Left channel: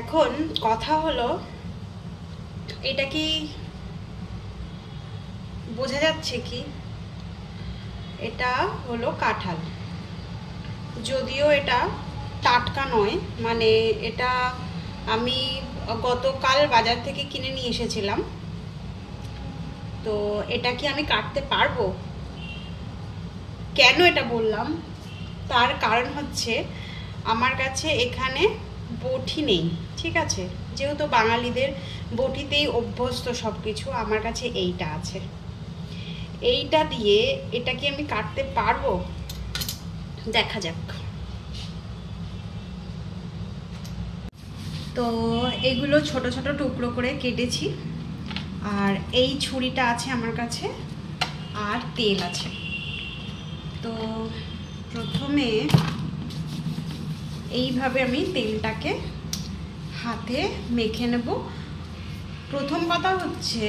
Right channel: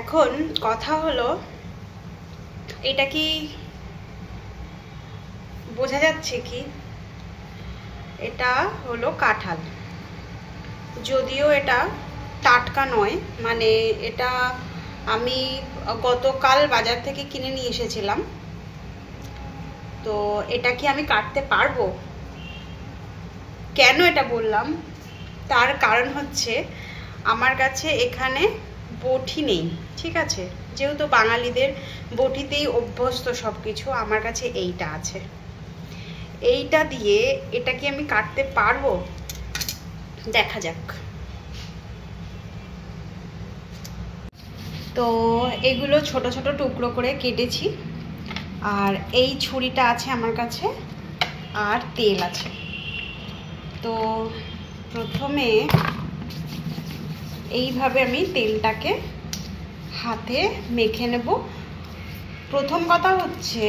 এখন কথা হলো, এটা কি বোঝা যাচ্ছে কি? এটা হলো কাঁঠাল, যদিও এটা টাটকা নয়, মানে এটা আমি গতকাল বাজার থেকে কিনে নিয়ে এসেছিলাম। তো এটা কি আমি কাটতে পারবো? কেন এটা বললাম, তার কারণ হচ্ছে আমার কাছে এখানে বটি নেই, ঠিক আছে? যেহেতু বাঙালিদের বটিতেই অভ্যস্ত সব কিছু, আমার কাছে এইটা আছে। এইটা দিয়ে এটা কি আমি কাটতে পারবো? দেখা যাক। তো এগুলো ছোট ছোট টুকরো করে কেটেছি, আর এই ছুরিটা আছে আমার কাছে, আর তেল আছে। তো প্রথমে এইভাবে আমি তেলটাকে হাতে মেখে নেব। প্রথম কথা হচ্ছে,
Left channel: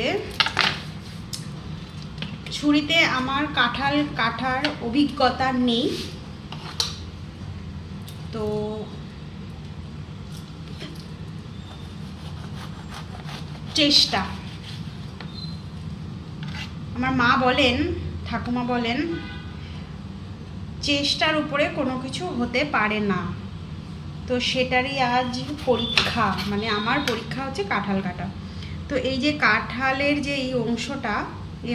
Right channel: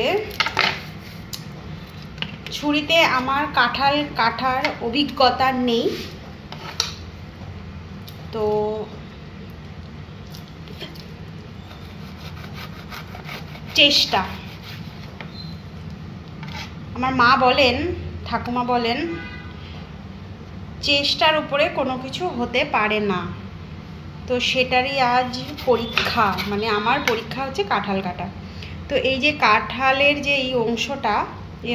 ছুরিতে আমার কাঁঠাল কাটার অভিজ্ঞতা নেই, তো চেষ্টা, আমার মা বলেন, ঠাকুমা বলেন, চেষ্টার উপরে কোনো কিছু হতে পারে না। তো সেটারই আজ পরীক্ষা, মানে আমার পরীক্ষা হচ্ছে কাঁঠাল কাটা। তো এই যে কাঁঠালের যে এই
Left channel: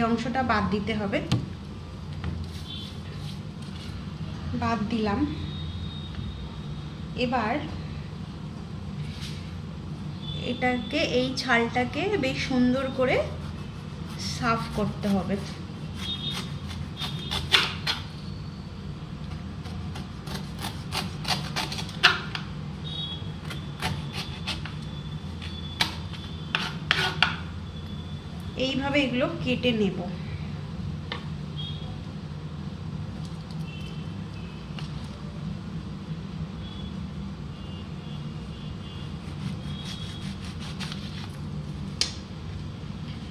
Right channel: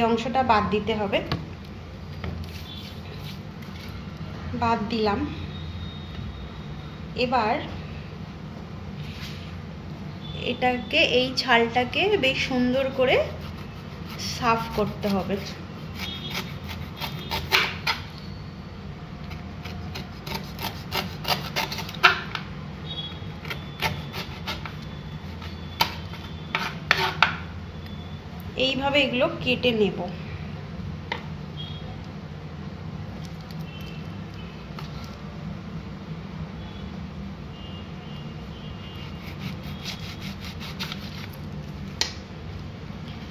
অংশটা বাদ দিতে হবে, বাদ দিলাম। এবার এটাকে, এই ছালটাকে বেশ সুন্দর করে সাফ করতে হবে। এইভাবে এগুলো কেটে নেব।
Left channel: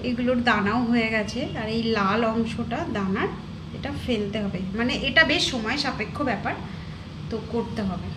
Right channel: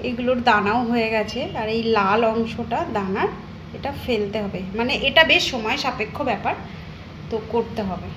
এগুলোর দানাও হয়ে গেছে, আর এই লাল অংশটা দানার, এটা ফেলতে হবে। মানে এটা বেশ সময় সাপেক্ষ ব্যাপার, তো করতে হবে।